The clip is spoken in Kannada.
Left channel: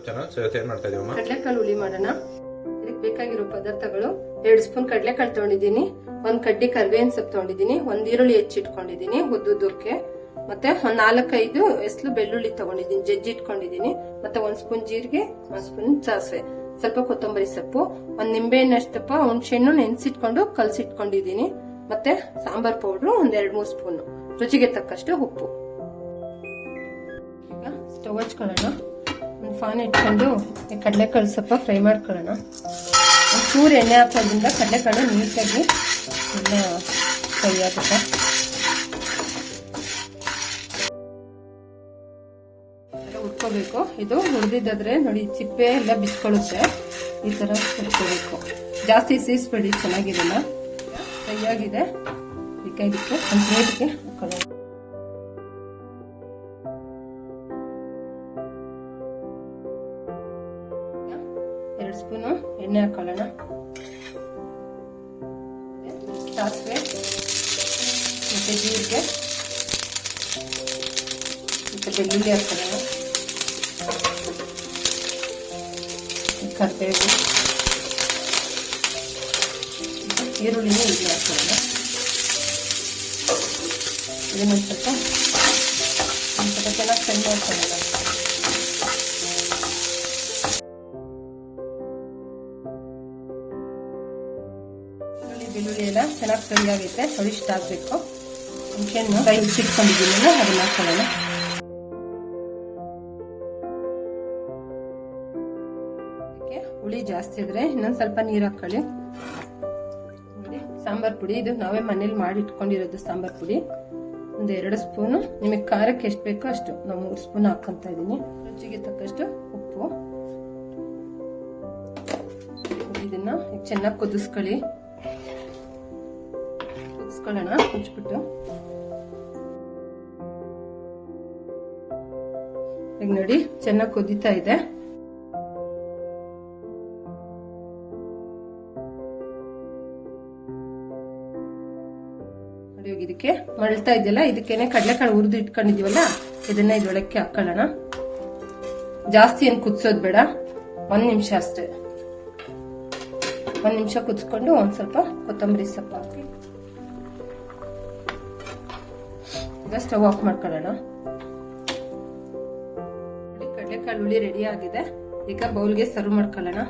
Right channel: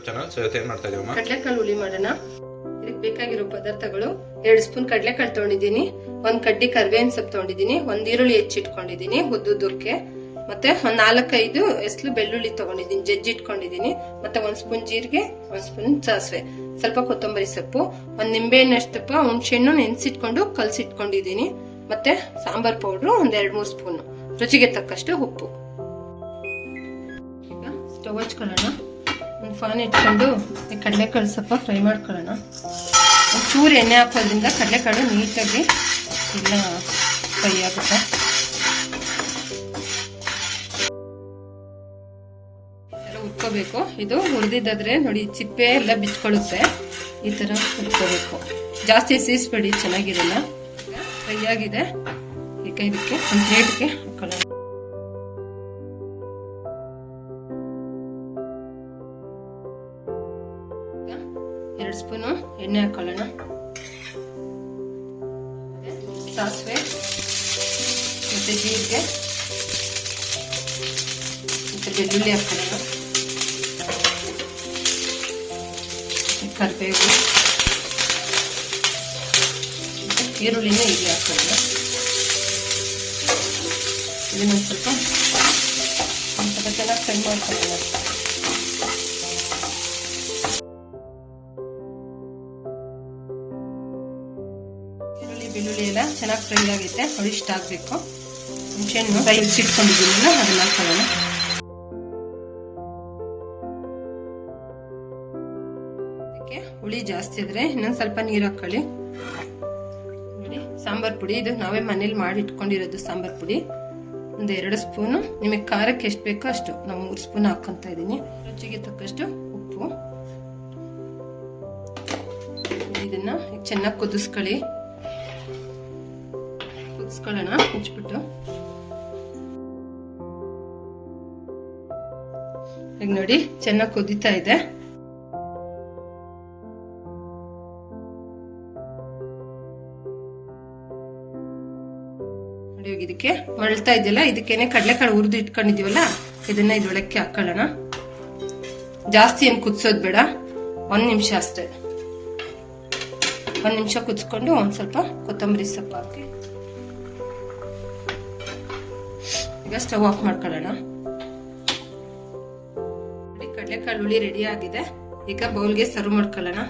ಯೂಟ್ಯೂಬ್ ಚಾನಲ್ ಸೊ ಇವತ್ತು ಮಾಡ್ತಾ ಇದೀವಮ್ಮ? ಕಡಲೆಕಾಳು ಹುಳಿ ಮಾಡೋಣ. ಇದಕ್ಕೆ ಬೇಕಾಗಿರೋ ಪದಾರ್ಥಗಳು ಎರಡು ಸ್ಪೂನ್ ಕಡಲೆಕಾಳು ತೊಗೊಂಡಿದ್ದೀನಿ, ಒಂದ್ ಕಡ್ಡಿ ಕರ್ಬೇವಿನ ಸೊಪ್ಪು ತಗೊಂಡಿದ್ದೀನಿ, ಒಂದ್ ಈರುಳ್ಳಿ ಹೆಚ್ಚಿಟ್ಕೊಂಡಿದ್ದೀನಿ ಉದ್ದುದ್ದಕ್ಕೆ. ಮತ್ತೆ ಒಂದ್ ನಾಲ್ಕೈದು ಎಸ್ಲು ಬೆಳ್ಳುಳ್ಳಿ ತಗೊಂಡಿದ್ದೀನಿ, ಜಜ್ಜಿ ಇಟ್ಕೊಂಡಿದ್ದೀನಿ. ಮತ್ತೆ ಒಂದ್ ಸ್ಪೂನ್ ಜೀರಿಗೆ, ಒಂದ್ ಸ್ಪೂನ್ ಸಾಸಿವೆ. ಸ್ವಲ್ಪ ಕೊತ್ತಂಬರಿ ಸೊಪ್ಪು, ಒಂದ್ ನಿಂಬೆಹಣ್ಣಷ್ಟಪ್ಪ ಹುಣಸೆಹಣ್ಣು ನೆನ್ಸಿಟ್ಕೊಂಡು ಕಲಸಿಟ್ಕೊಂಡಿದ್ದೀನಿ. ಮತ್ತೆ ಸಾಂಬಾರ್ ಪೌಡ್ರು ಒಂದ್ ಎರಡ್ ಮೂರು ಸ್ಪೂನ್. ರುಚಿಗೆ ತಕ್ಕಷ್ಟು ಉಪ್ಪು. ಈಗ ಸ್ಟವ್ ಹಚ್ಕೊಳ್ಳೋಣ. ಒಂದು ಫಾನ್ ಇಟ್ಕೊಂಡು ಈ ಕಡಲೆಕಾಳು ಸ್ವಲ್ಪ ಫ್ರೈ ಮಾಡ್ಕೊಳ್ಳೋಣ. ಒಂಚೂರು ಚೂರು ಎಣ್ಣೆ ಹಾಕೋದ್ರಿಂದ ಕಡಲೆಕಾಳು ನೀಟಾಗಿ ಎಲ್ಲ ಫ್ರೈ ಆಗುತ್ತೆ. ಉತ್ಕೋಬೇಕು ಇದು ಹುರಿದಿದ್ದಾದ್ರೆ ನೋಡಿ, ಚಿಪ್ಪೆ ಎಲ್ಲ ಬಿಚ್ಕೊಳ್ಳುತ್ತೆ ಈ ಥರ ಉತ್ಕೋಬೇಕು ಜಾಸ್ತಿ ಸೀಸ್ಬೇಡಿ, ಚೆನ್ನಾಗಿರಲ್ಲ. ಫ್ರೈ ಆಗಿದೆ. ಈಗ ಇದಕ್ಕೆ, ಒಂದು ಪ್ಲೇಟ್ಗೆ ಹಾಕೊಳ್ಳೋಣ. ಎರಡು ಸ್ಪೂನು ಎಣ್ಣೆ ಹಾಕೊಳ್ಳೋಣ. ಸಾಸಿವೆ ಮತ್ತು ಜೀರಿಗೆ ಮತ್ತು ಬೆಳ್ಳುಳ್ಳಿ ಹಾಕೊಳ್ಳೋಣ. ಕರಿಬೇವು ಈರುಳ್ಳಿನ ಇಲ್ಲಿ ಹಾಕೊಳ್ಳೋಣ. ಇದನ್ನ ಸ್ವಲ್ಪ ಸ್ವಲ್ಪ ಚೆನ್ನಾಗಿ ಫ್ರೈ ಮಾಡ್ಕೊಳ್ಳೋಣ. ಬೆಳ್ಳುಳ್ಳಿ ಎಲ್ಲ ಚೆನ್ನಾಗಿ ಫ್ರೈ ಆಗೈತೆ, ಅದು ಆಗಬೇಕು. ಹುಣಸೆಹಣ್ಣು ಫ್ರೈ ಸಿಟ್ಕೊಂಡಿದ್ದೀನಿ ಅದನ್ನ ಹಾಕೊಳ್ಳೋಣ. ಅದಕ್ಕೆ ಹುಳಿ ಜಾಸ್ತಿ ಇದ್ರೆ ಇನ್ನೊಂದು ಸ್ವಲ್ಪ ನೀರು ಹಾಕೊಳ್ಳಿ. ನೋಡಿ, ಸಾಂಬಾರ್ ಪುಡಿ, ಇದು ನಾವೇ ಮನೇಲಿ ಮಾಡಿ ಇಟ್ಕೊಂಡಿರೋದು ಸಾಂಬಾರ್ ಪುಡಿ. ಒಂದು ಎರಡು ಸ್ಪೂನು, ನಿಮಗೆ ಖಾರಕ್ಕೆ ಎಷ್ಟು ಬೇಕೋ ಅಷ್ಟು. ನಾವು ಮೂರು ಸ್ಪೂನ್ ಹಾಕೊಂತ ಇದ್ದೀನಿ. ರುಚಿಗೆ ತಕ್ಕಷ್ಟು ಉಪ್ಪು. ಇದನ್ನ ಚೆನ್ನಾಗಿ ಕುದಿಸ್ಕೊಳ್ಳಿ. ಈಗ ನೋಡಿ, ಚೆನ್ನಾಗಿ ಕುದೀತಾ ಇದೆ. ಇದಕ್ಕೆ ಮಳ್ತಾ ಇದೆಯಲ್ಲ, ಇದಕ್ಕೇನೆ ಕಡಲೆಕಾಳು ಹುರಿದು ಇಟ್ಕೊಂಡಿದೀವಲ್ಲ ಇದನ್ನ ಇದೊಳಕ್ಕೆ ಹಾಕೊಳ್ಳೋಣ. ಜಾಸ್ತಿ ಏನು ಕುದಿಸೋದು ಬೇಡ, ಒಂದ್ ನಿಮಿಷ ಅಷ್ಟೇ. ಒಂದ್ ನಿಮಿಷ ಕುದಿಸ್ಕೊಂಡು ಒಂದ್ ಸ್ವಲ್ಪ ಕೊತ್ತಂಬರಿ ಸೊಪ್ಪು ಹಾಕಿ ಈಗ ಸ್ಟವ್ ಆಫ್ ಮಾಡ್ಕೊಳ್ಳೋಣ. ಕಡಲೆಕಾಳು ಹುಳಿ ರೆಡಿ ಆಗಿದೆ. ಈಗ ಬೌಲ್ಗೆ ಸರ್ವ್ ಮಾಡ್ಕೊಳ್ಳೋಣ.